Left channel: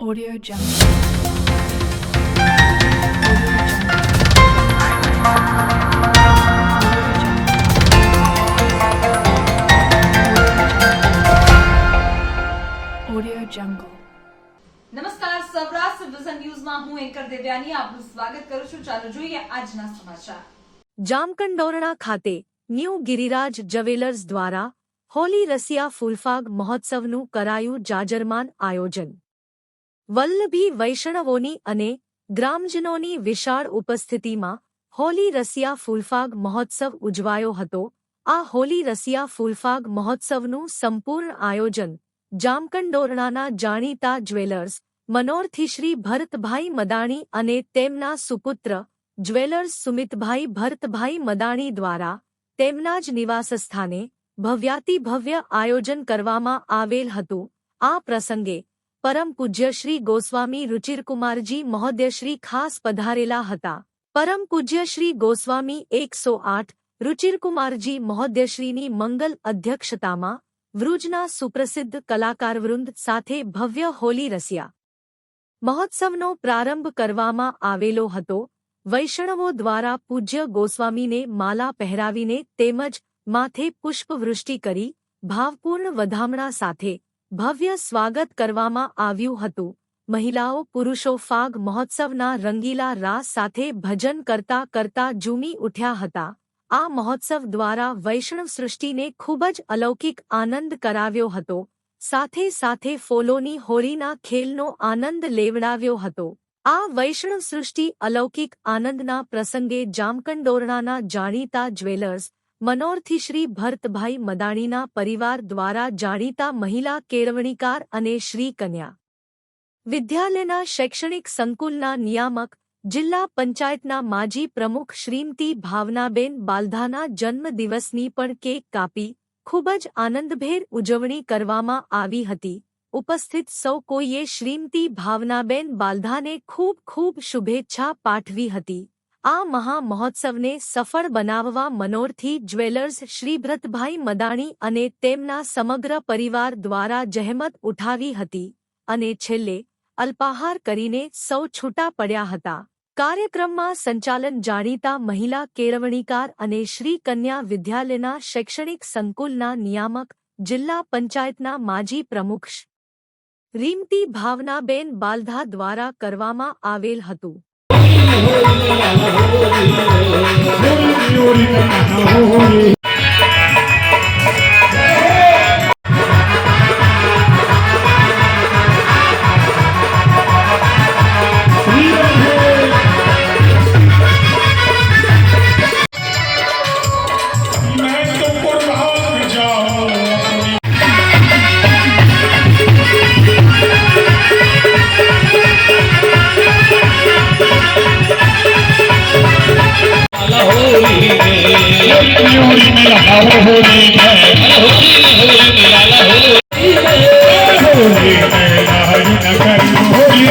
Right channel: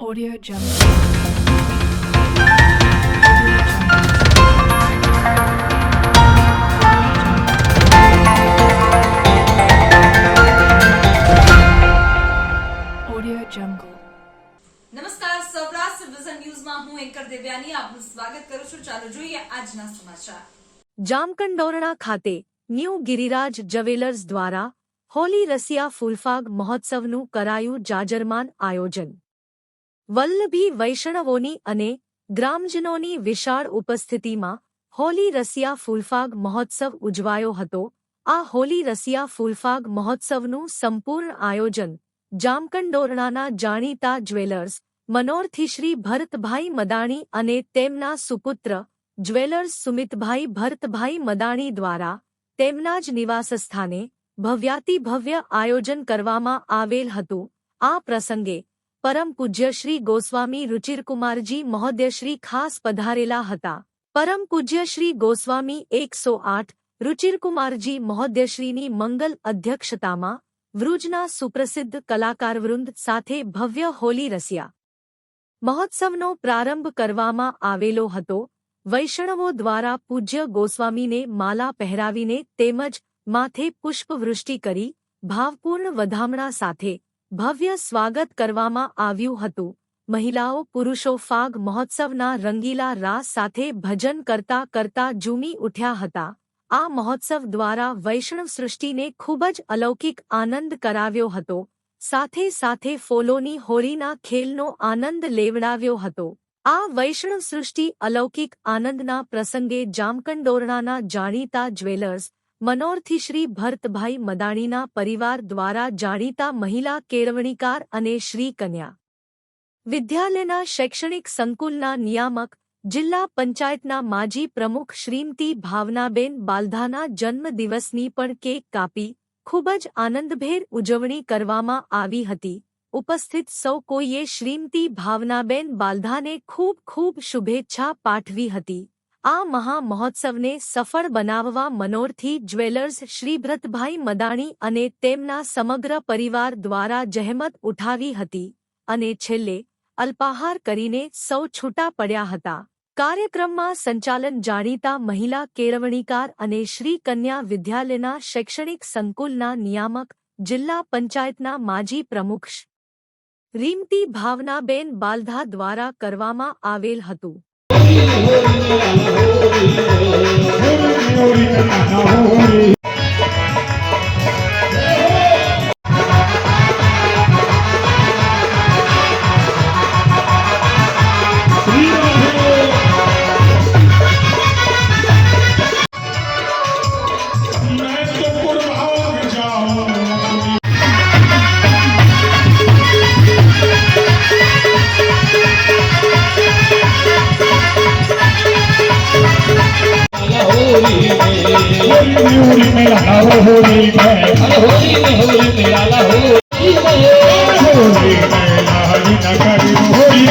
Audio Jungle. Audio Jungle. નમસ્કાર Saurashtra vision ન્યૂઝમાં હું એન્કર દેવ્યાની આપનું સ્વાગત કરું છું ચાલો જોઈએ આજના સમાચાર જામકંડોરણા ખાતે ન્યૂ ગિરિરાજ જવેલર્સ દ્વારા હોલી રસિયા ફૂલફાગ મહોત્સવનું કરાયું જાજરમાન આયોજન વલ્લભી વૈષ્ણવોની અને ગ્રામજનોની વિશાળ ઉપસ્થિતિમાં હોલી રસિયા ફૂલફાગ મહોત્સવ ઉજવાયો હતો. આ હોલી રસિયા ફૂલફાગ મહોત્સવનું સંપૂર્ણ આયોજન જામકંડોરણાના જાણીતા જ્વેલર્સ મનોરથી શ્રી ભરતભાઈ મદાણી અને તેમના સુપુત્ર જ્વેલર્સ સુમિતભાઈ ભરતભાઈ મદાણી દ્વારા તેમના જ નિવાસસ્થાને ભવ્યાતિભવ્ય આયોજન કરવામાં આવેલ હતું. આ પ્રસંગે પરમ પૂજ્ય શ્રી ગોસ્વામી રુચિરકુમારજી મહોદયશ્રી ખાસ પધારેલા હતા. પરમ પૂજ્ય શ્રી ગોસ્વામી એકસો આઠ, રુચિરકુમારજી મહોદયશ્રીની મંગલ અધ્યક્ષતામાં વૃજના સુપ્રસિદ્ધ કલાકારવૃંદ સાથે ભવ્ય હોલી રસ્યા મહોત્સવનો પ્રારંભ કરવામાં આવેલો હતો. વૈષ્ણવો દ્વારા પૂજ્ય ગોસ્વામીને માલા પહેરાવીને તેમજ માથે પુષ્પવૃષ્ટિ કરી, ભાવપૂર્ણ વધામણા સાથે ભવ્ય સ્વાગત કરવામાં આવ્યું હતું. મહિલાઓ, પુરુષો ફાગ મહોત્સવના રંગીલા રાસ સાથે ભજન કરતા કરતા ઝૂમી ઉઠ્યા હતા. આ મહોત્સવ દ્વારા વૈષ્ણવ સૃષ્ટિને ખૂબ જ અલૌકિક આનંદ કરાવ્યો હતો. સાથે સાથે ફોલોની હોળીના ખેલનો આનંદ લેવડાવ્યો હતો. આ વૈષ્ણવ સૃષ્ટિ અલૌકિક આનંદના પ્રસંગે જામકંડોરણાના જાણીતા જ્વેલર્સ મનોરથી શ્રી ભરતભાઈ મદાણીના પરિવાર દ્વારા જાણીતા મહિલા કેળવણીકાર અને શ્રી કન્યા. વિદ્યાલયના શૈક્ષણિક સંકુલના નિયામક, જિલ્લા પંચાયતના માજી પ્રમુખ શ્રીમતી ભાવનાબેન બાલધાના જન્મદિવસની પણ કેક કાપી, ખૂબ જ આનંદભેર ઉજવણી કરવામાં આવી હતી. ઉપસ્થિત સૌ કોઈએ શ્રીમતી ભાવનાબેન બાલધાને ખૂબ ખૂબ શુભેચ્છા પાઠવી હતી. આ મહા મહોત્સવને સફળ બનાવવા મનોરથી જ્વેલર્સ શ્રીભ્રતભાઈ મદાણી અને તેમના સમગ્ર પરિવાર દ્વારા જહેમત ઉઠાવી હતી અને છેલ્લે અલ્પાહાર કરીને સૌ છૂટા પડ્યા હતા. કાર્યક્રમમાં સંચાલન જાણીતા મહિલા કેળવણીકાર અને શ્રી કન્યા વિદ્યાલયના શૈક્ષણિક સંકુલના નિયામક, જિલ્લા પંચાયતના માજી પ્રમુખ રીમતી ભાવનાબેન બાલધા દ્વારા કરવામાં આવેલ હતું. Thank you.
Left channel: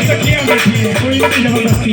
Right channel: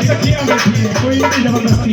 சத்தியம் புரிந்து ஜபந்தஸ்தி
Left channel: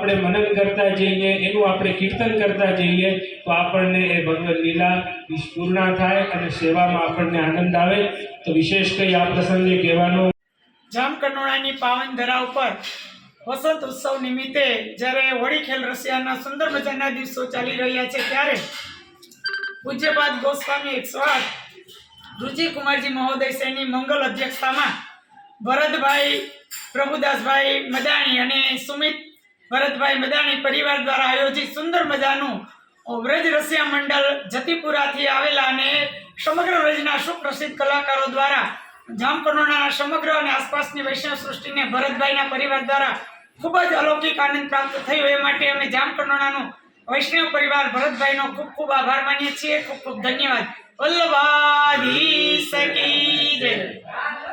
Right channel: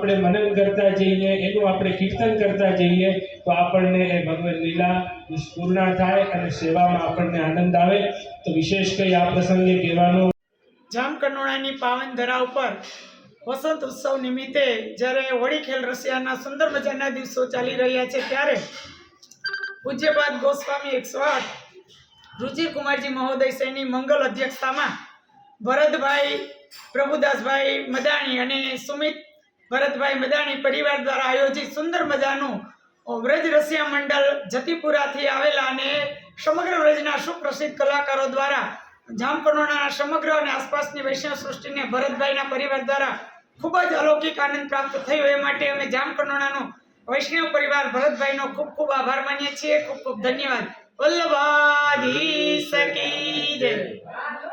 આપણે મનન કરતા જઈએ, એનું આપણે કીર્તન કરતા જઈએ, તો આપણને એ ભગવદ લીલા પૂર્ણ થાય અને સેવામાં આપણને આનંદ આવે. તો વિશેષ કંઈ આ પ્રસંગે કહેવાનું? જામકંડોળાની પાવન ધરા ઉપર વસંત ઉત્સવ નિમિત્તે જ્યારે હોળી ખેલ રશિયાના સુંદર મજાના દિવસો ચાલી રહ્યા છે, ત્યારે પૂજ્યપાદ ગોસ્વામી એકસો આઠ રુચિકુમારજી મહોદય સૈની મંગલ અધ્યક્ષતામાં ભરતભાઈ પ્રભુદાસભાઈ મદાણી અને સુમિત ભરતભાઈ મદાણી પરિવાર દ્વારા આયોજિત સુંદર મજાનું વ્રજ રસિયા મંડળ જતીપુરાથી આવેલા અને સમગ્ર વ્રજના સુપ્રસિદ્ધ કલાકારો દ્વારા જામકંડોરણાના સમગ્ર અને આસપાસની વૈષ્ણવ સૃષ્ટિને ભરતભાઈના પરિવાર દ્વારા ખૂબ જ અલૌકિક આનંદ પ્રાપ્ત થયો. એ માટે અમે જામકંડોરણાનો વૈષ્ણવ પરિવાર ભરતભાઈનો ખૂબ ખૂબ આભાર માનીએ છીએ. ખૂબ ખૂબ ધન્યવાદ. વલ્લભાધી સકી જય.